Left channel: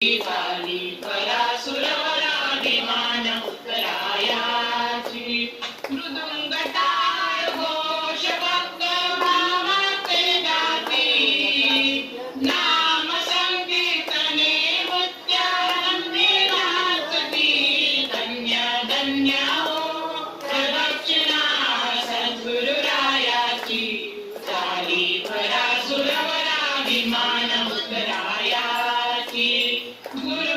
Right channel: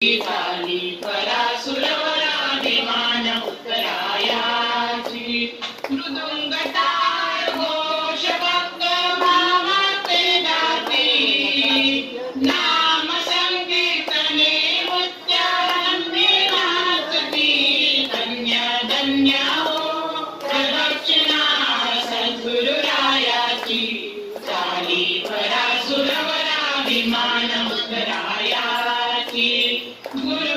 झाली परासुरवराभिमान उत्तरायाची मृदुंग टाळ घोष भक्त भावाते गाती नाम संकीर्तने उच्चारणे नाचती धन्य धन्य हो प्रदक्षिणा सद्गुरुरायाची झाली परासुरवराभिमान उत्तरायाची गुरु